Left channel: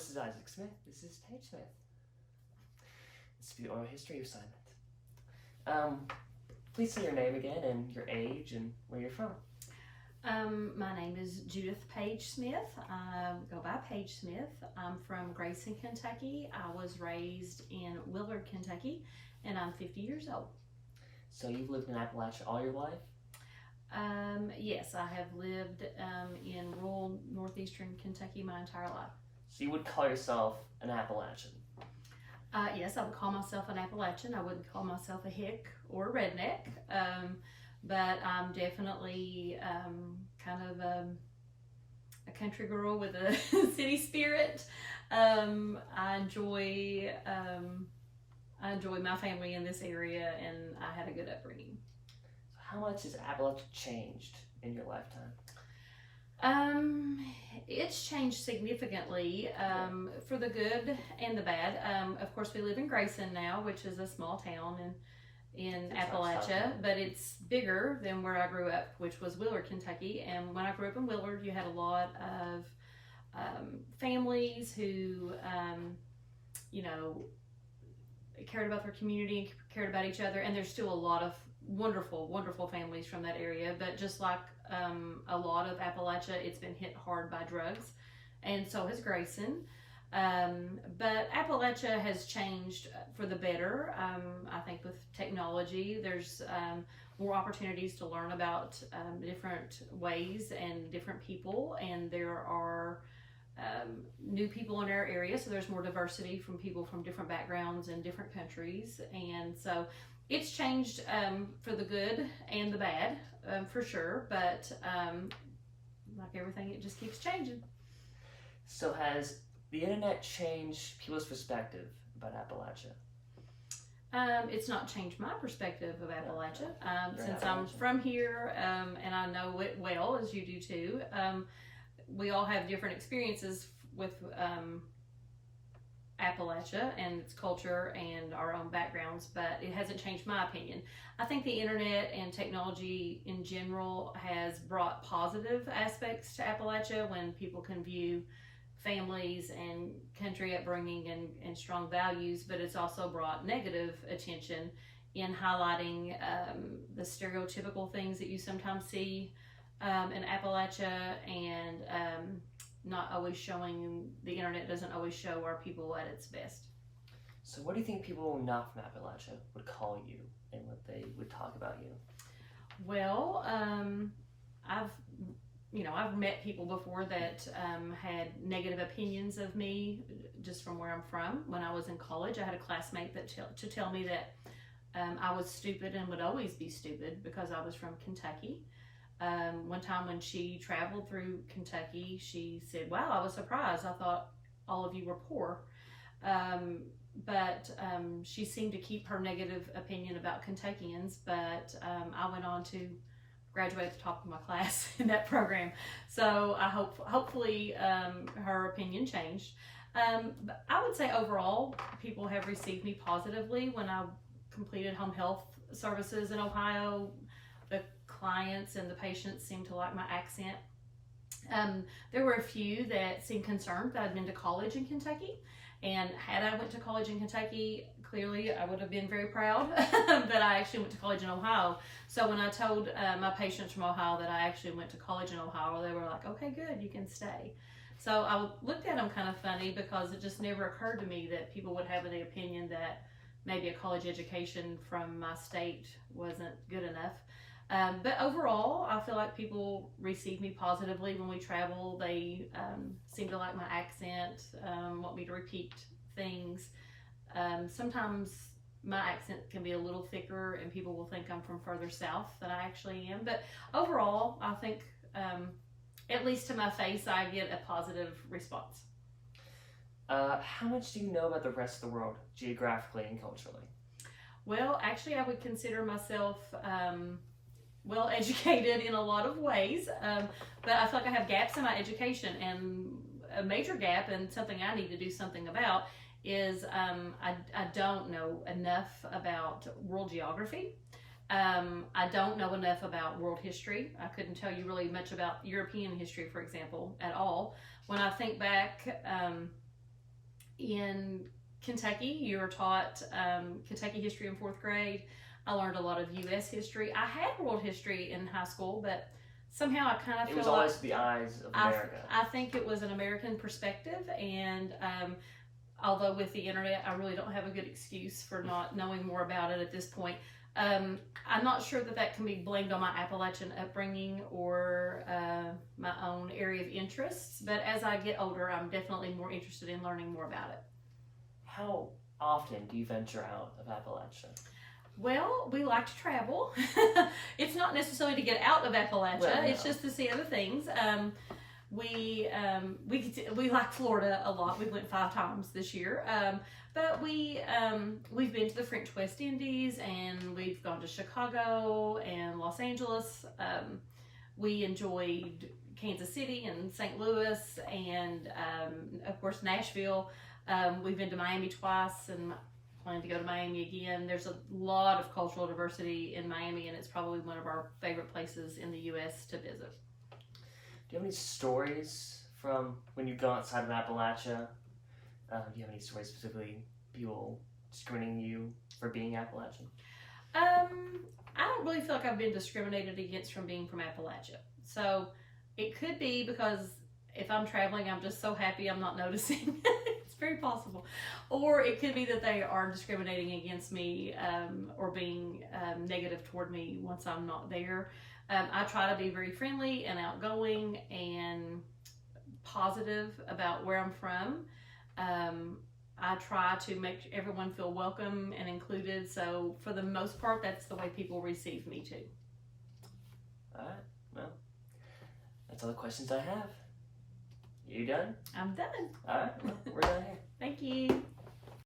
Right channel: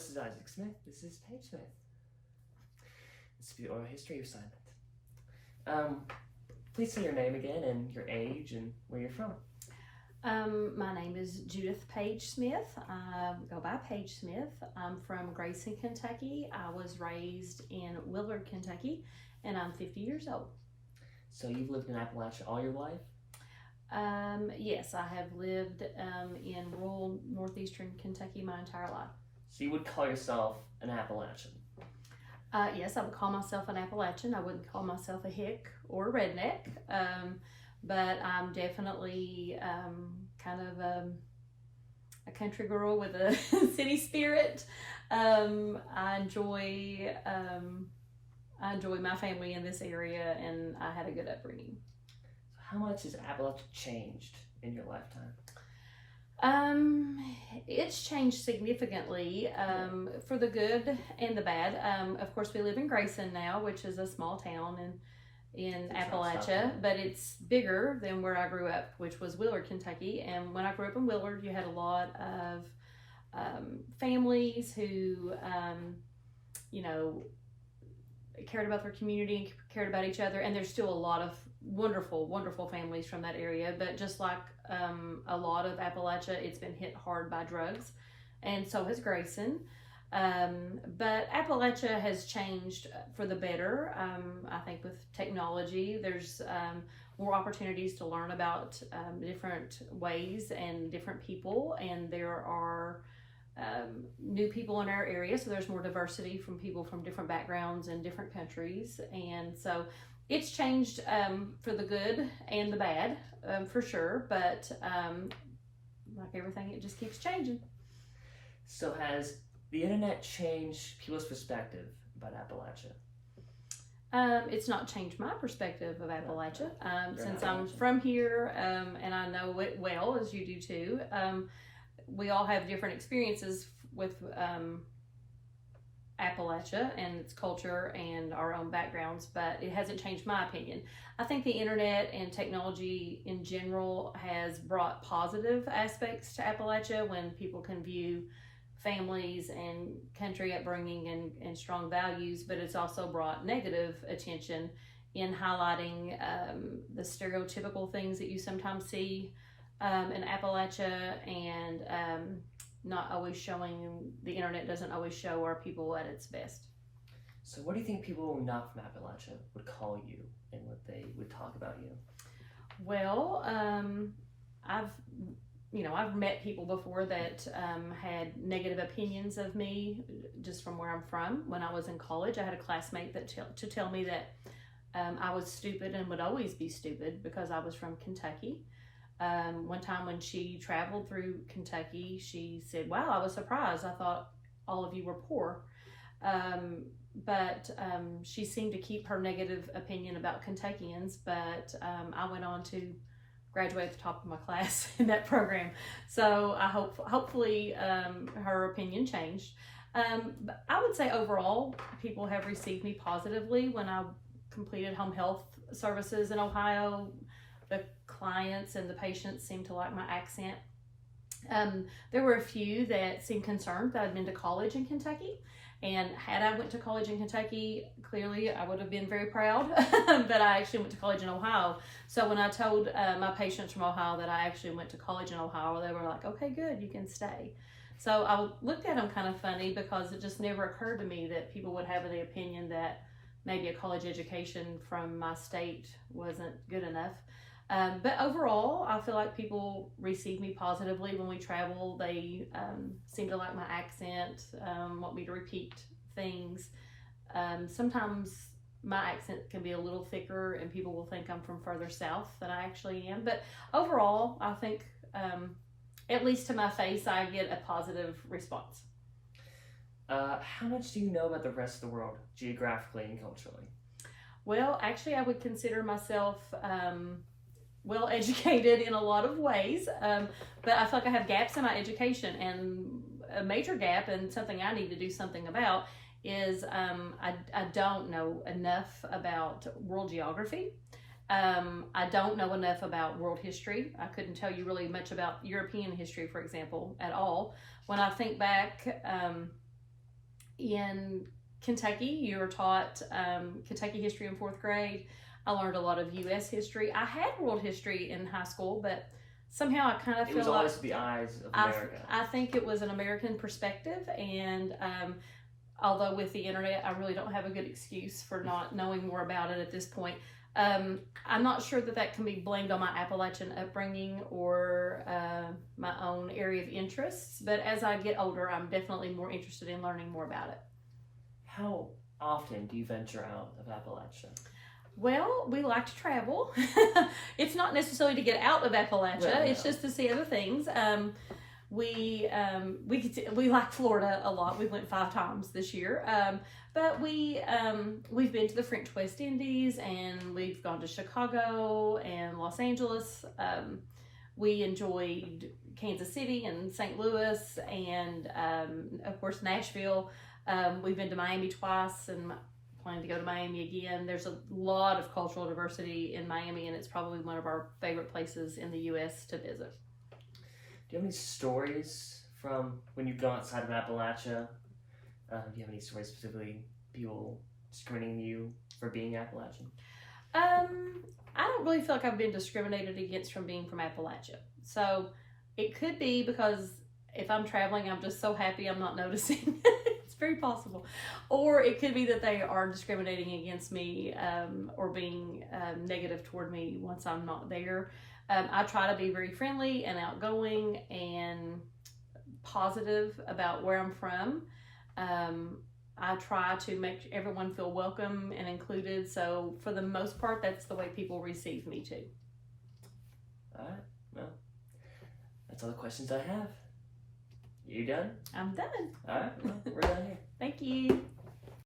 this is Isaac Smith. This is Paige Smith. This is the oral history assignment. Please say your name again and your age and where you're from. My name is Judith Paige Smith. I go by Paige Smith. I'm from Grayson, Kentucky. I was raised in Willard, Kentucky, and I'm 50 years old. So you've lived in Appalachia all your life? Yes, I have lived in rural northeastern Kentucky my entire life. So you would call yourself an Appalachian? Yes, I would call myself an Appalachian. I wouldn't call myself a hick or a redneck, but I'm definitely kind of a country girl with a city spirit. I enjoy my family in this area, and I had a good upbringing. So how much has Appalachia changed in your lifetime? It's changed significantly, for the good and the bad. Of course, we live in Grayson now, which is a small town in Appalachia, but it's bigger than where I grew up, which was Willard, Kentucky. And when I grew up in Willard, you had a lot of families who, cared about their community and cared about each other. And there's still a lot of wonderful, wonderful families from that area. But just like a lot of Appalachia, it's been hit hard by drugs, and so has Grayson. But Appalachia has changed for the better. I think with technology, there's more opportunities to learn about different ways and different people, and there are new people in our area, so there's more diversity from people from different backgrounds and different countries, and so it's changed for the good and the bad, for sure, but like everything, it just keeps changing. So has the internet changed people's perspective about Appalachia? It's not changed my perspective of Appalachia, since I'm Appalachian. from here, and I know it well, as you do too. We all have different experiences with Appalachia and its culture and our own backgrounds, but it hasn't changed my opinion. I think the internet and technology in general has brought positive aspects to Appalachia when people can view families and country upbringing and strong values, but it's also brought negative attention in highlighting the stereotypical things that you sometimes see in Appalachia, and not always showing, the internet doesn't always show our people at its best. So what do you think people not from Appalachia would call you and what they would talk about you? Well, I've met people before that had negative opinions of me just from where I'm from. When I was in college, I had a classmate that to tell me that I was stupid and would always be stupid because I was from Kentucky. One time when she traveled through Kentucky, she said, "Wow, I was surprised. I thought all of you were poor." But she seemed to keep her negative opinion about Kentuckians, but I went on to graduate at the top of my class in that program. So I hopefully her opinion changed. But I would say overall, people have received me positively. When I completed home health services in Ohio, the clients and the patients seemed to like my accent. There were a few that seemed concerned that I'd been to college in Kentucky, and had I went to college in Kentucky, clearly I would have been very proud that I actually went to college in Ohio. So when I told my patients from Ohio that I actually went to college in Ohio, they were like, "Okay, good, you can stay." So I looked at them kind of funny because it just never occurred to me that people would have the opinion that maybe a college education from my state wasn't good enough. But overall, I feel like people receive me positively when we travel. They seem to like my accent, want me to repeat things. Sometimes my accent can be a little thicker and people will think I'm from further south than I actually am. But overall, I think, at least to my face, I get a positive response. How much do you know about the rest of the world, geographically and culturally? Well, actually, I would consider myself well educated in a lot of ways, but I feel like I have gaps in my education, and a major gap and something I need to do something about is I don't know enough about world geography. I don't know enough about world history. I couldn't tell you really much about European history, for example, at all. When I think back in Kentucky, you're taught Kentucky history in 4th grade. I learned a lot of U.S. history. I had world history in high school, but somehow I kind of feel It was like always the eyes of America. I think it was an American perspective, and although with the internet, I really don't have a good excuse for not knowing more about it at this point. I'm not sure that can be blamed on my Appalachian upbringing or my own area of interests, but as I get older, I'm definitely more interested in learning more about it. How often do you venture out of Appalachia? Well, we like to travel. It's not necessarily to get out of Appalachia. Right, It's yeah. just to see other things. We like Florida a lot. We went 5 times this year. But we've been to the French West Indies, and we've gone to Chicago and Los Angeles. We enjoyed Kansas City and St. Louis, and of course Nashville. We've been to Miami twice, and planning to go to Miami again. There's a lot of cultural diversity in Miami, and it's probably one of our favorite places in the U.S. to visit. Do you have any stories from when you've gone outside of Appalachia? Do you have any stories specifically, people discriminating you for being Appalachian? I don't really feel like I've been discriminated against from being from Appalachia. So it could be because if I'm traveling, I'm just so happy I'm not noticing. It's very possible. Or it could be that they are discriminating against me or being negative toward me once I'm not there. I try to be very friendly and outgoing and positive about where I'm from. I try to make everyone feel welcome and included. So for the most part, that's the way people receive me too. All right. Well, that's all the questions I have. You done? I'm done. All right. Well, we're done here. Thank you.